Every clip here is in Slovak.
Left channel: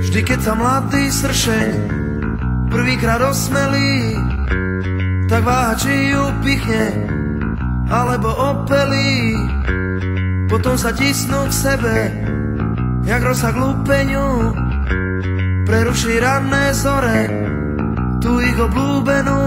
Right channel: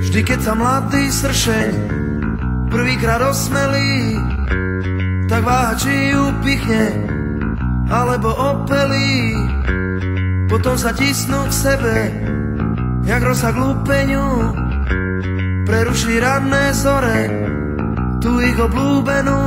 Vždy keď sa mladý sršeň prvýkrát osmelí, tak váha či ju pichne alebo opelí. Potom sa tisnú k sebe jak rosa k lúpeňu, preruší ranné zore tú ich obľúbenú.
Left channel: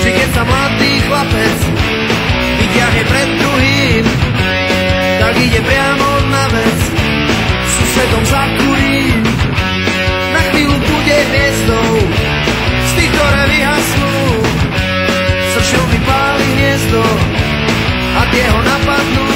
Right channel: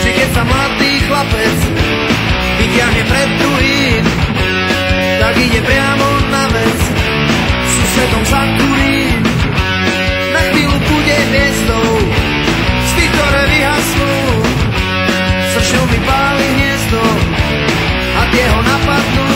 Vždy keď sa mladý chlapec vyťahne pred druhým, tak ide priamo na vec, susedom zakurí. Na chvíľu bude hviezdou z tých, ktoré vyhasnú. Sršňou vypáli hniezdo a tie ho napadnú.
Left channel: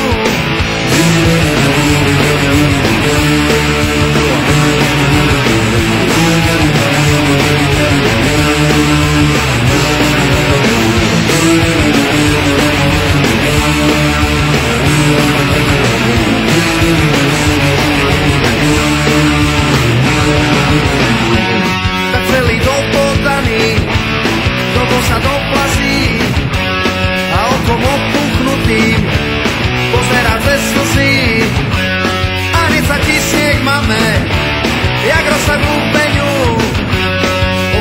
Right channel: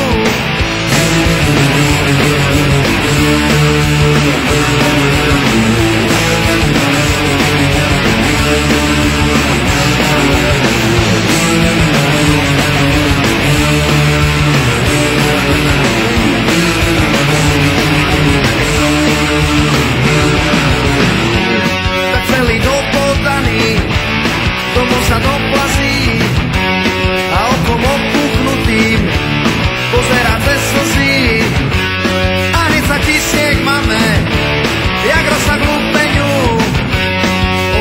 Celý dopodaný domov sa doplazí a okom opuchnutým pozerá cez slzy a hneď sa tisne k mame jak rosa k lúpeňu.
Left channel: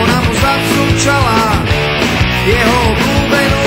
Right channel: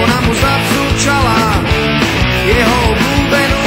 Ona mu zapsúčala jeho obľúbenú.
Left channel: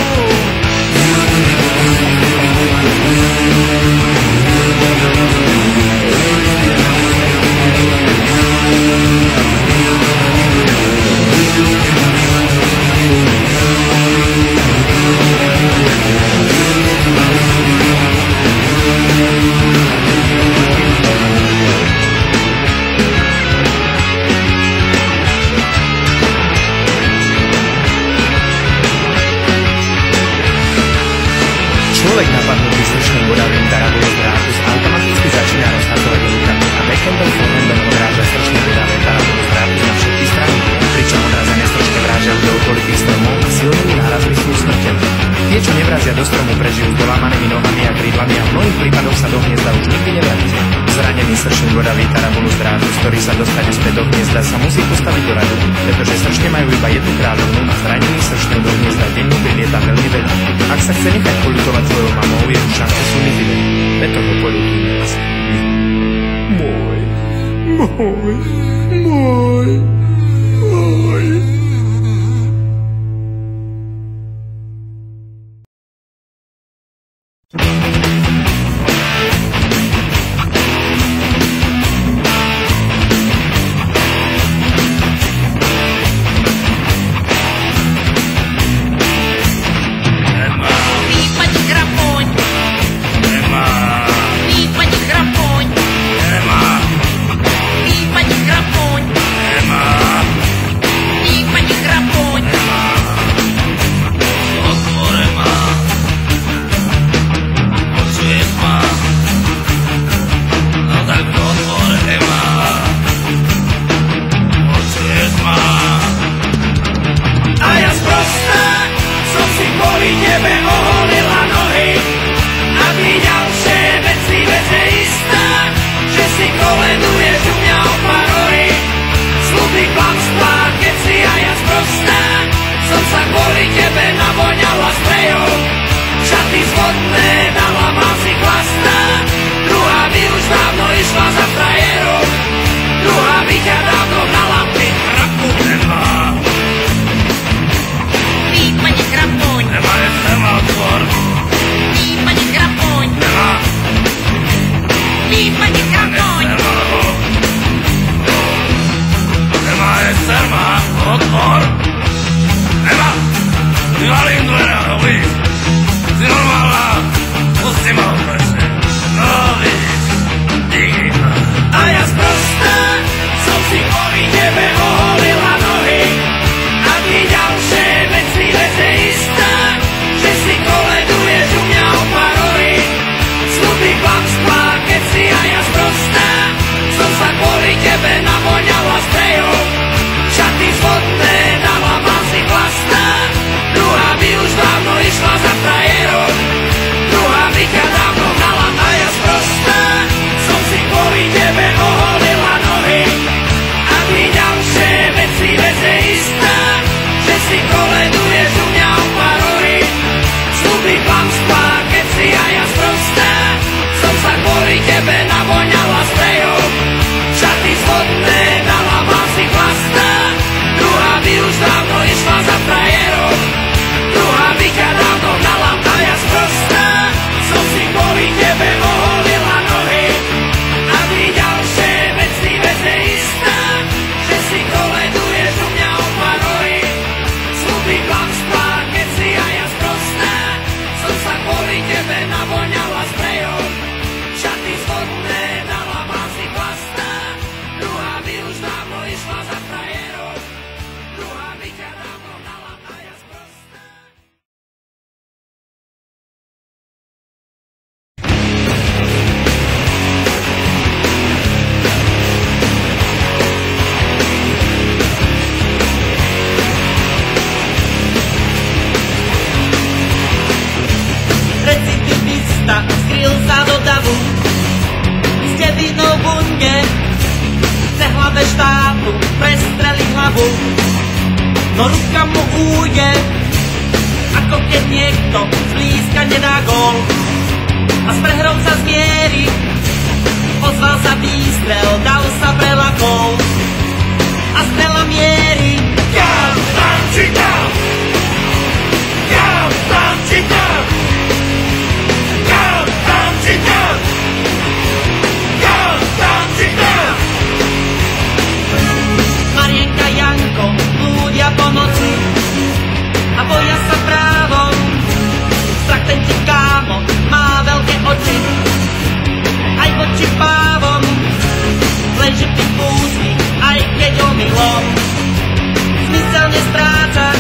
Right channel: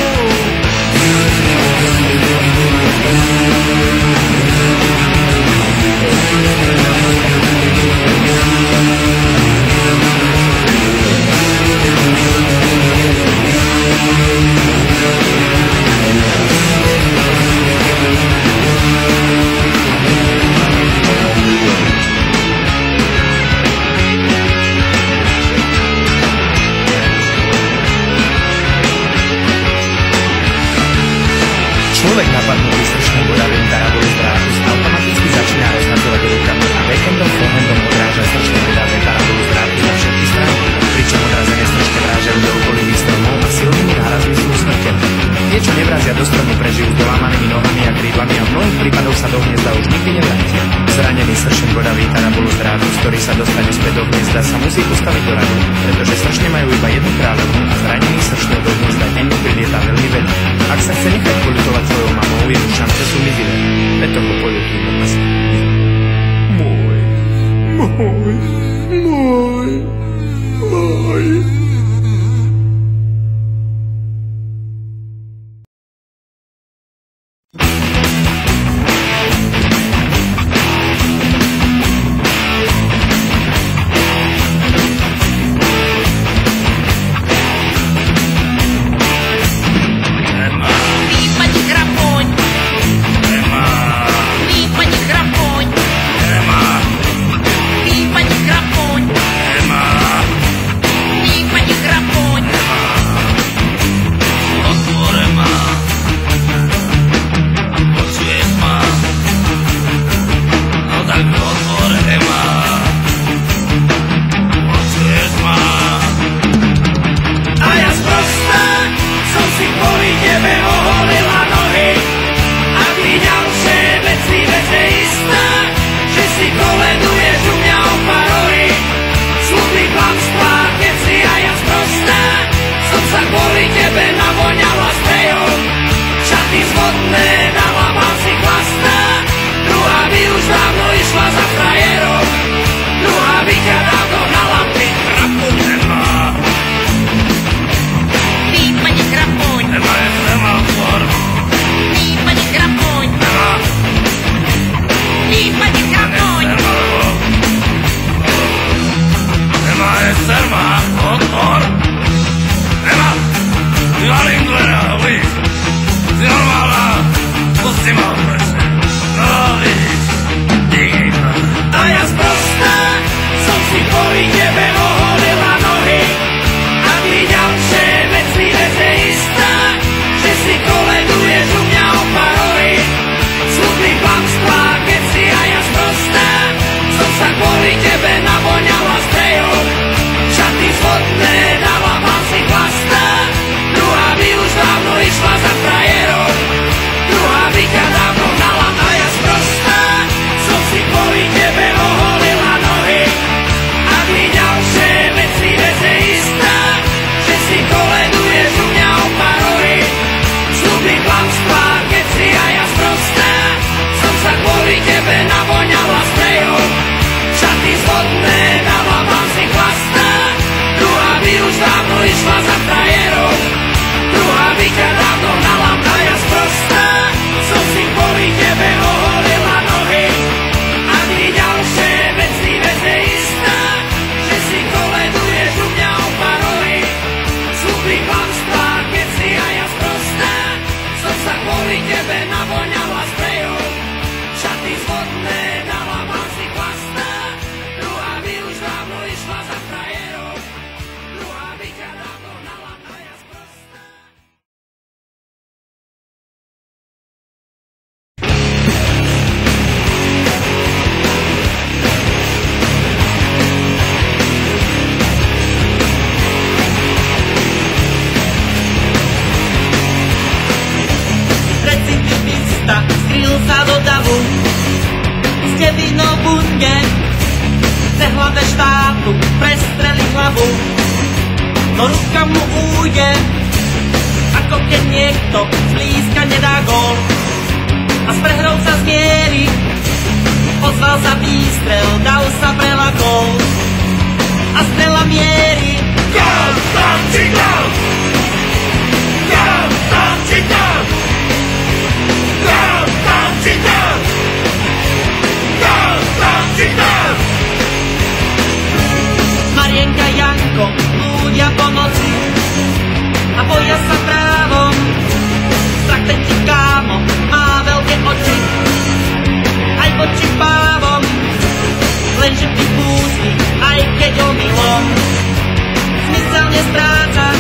Človek napadnutý sršňou bodavým tarabulu z drátu automaticky začína rozhadzovať rukami a backendom forehandom odráža sršne bodavé tarabulu z drátu na všetky strany, pričom odrazené sršne vrážajú do okolitých stromov a silnými nárazmi sú usmrtené. Tie, čo nevrazia do stromu, prežijú s dolámanými nohami a krídlami a v mnohých prípadoch sa do hniezda už nikdy nevrátia. Zranený sršeň bodavý tarabulu z drátu, z ktorý sa dostane späť do hniezda, sa musí postaviť do radu, pretože sršne majú iba jednu kráľovnu a zranený sršňou do hniezda denne prilieta veľmi veľa. Ak sa chce nechať poľutovať svojou mamou, jeho šance sú mizivé. Preto ho poľutujme asi my. Môj. Druhá by už dávno išla za frajerom. tebe navoňala sprejom, šaty spodné dala vlasy plasté, druhá by už dávno išla za frajerom, druhá by ťa dávno hnala a ja sprosté. Recidivista skryl sa do davu, ste vinou bunge, chce hlave štátu prestreli hlavu, no ruka mu újde, ako keď niekto zblízka nedá gól. A s prehrou sa zmieri, ozval sa výstrel, dal sa prelakol. A strela mierí, Tam, tam, či tam! Tam, tam, či tam! Tam, tam, či tam! Tam, tam, či tam! Marienka, Janko blúdia po noci a boja sa právom. Strach ten ti kámo má veľké oči, aj voči pávom, lenže pripustí, aj keď omylom zmysel nestráca,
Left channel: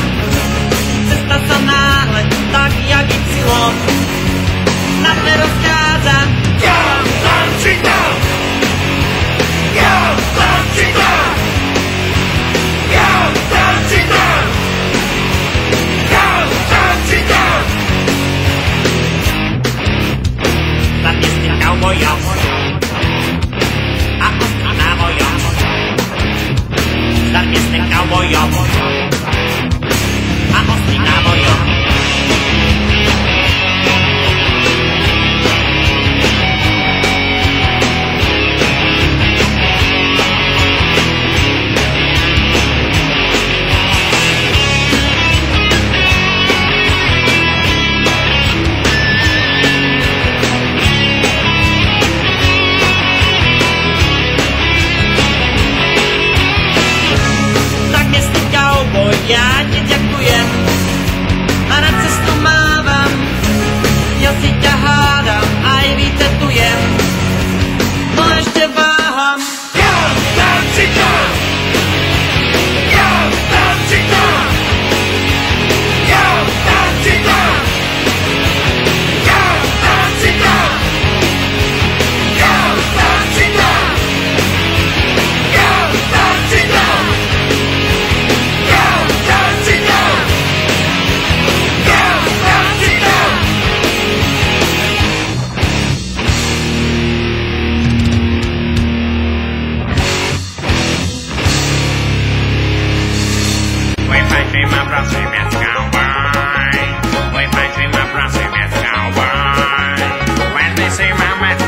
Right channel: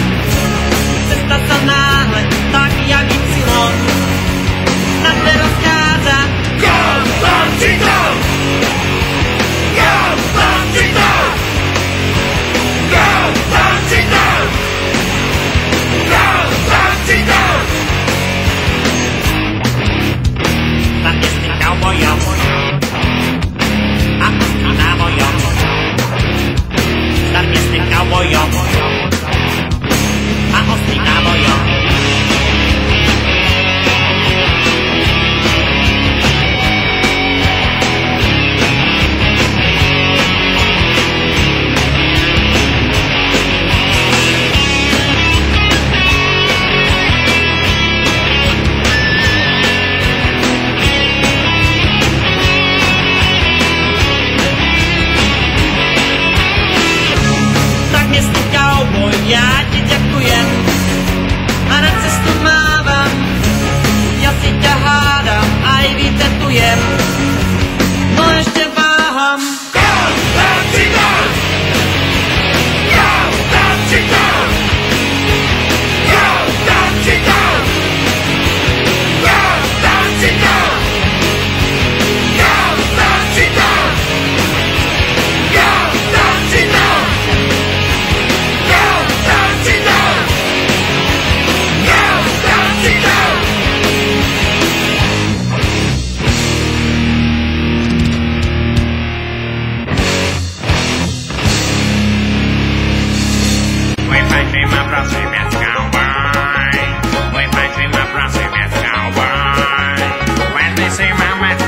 cesta sa náhle, tak jak Ypsilon na dve rozchádza. Tam, tam, či tam! Tam, tam, či tam! Tam, tam, či tam! Tam, tam, či tam! Zadne s tým kaubojom a ostrý návojom. Zadne s tým kaubojom a ostrý návojom. Ja ti ďakujem a na cestu mávam, ja si ťa hádam, aj vytetujem, no ešte váham. Tam, tam, či tam! Tam, tam, či tam! Tam, tam, či tam! Tam, tam, či tam! Tam, tam, či tam! Tam, tam, či tam! My prosím, yes, cowboy. Wait, my dream, my prosím, yes, cowboy. When they say my match,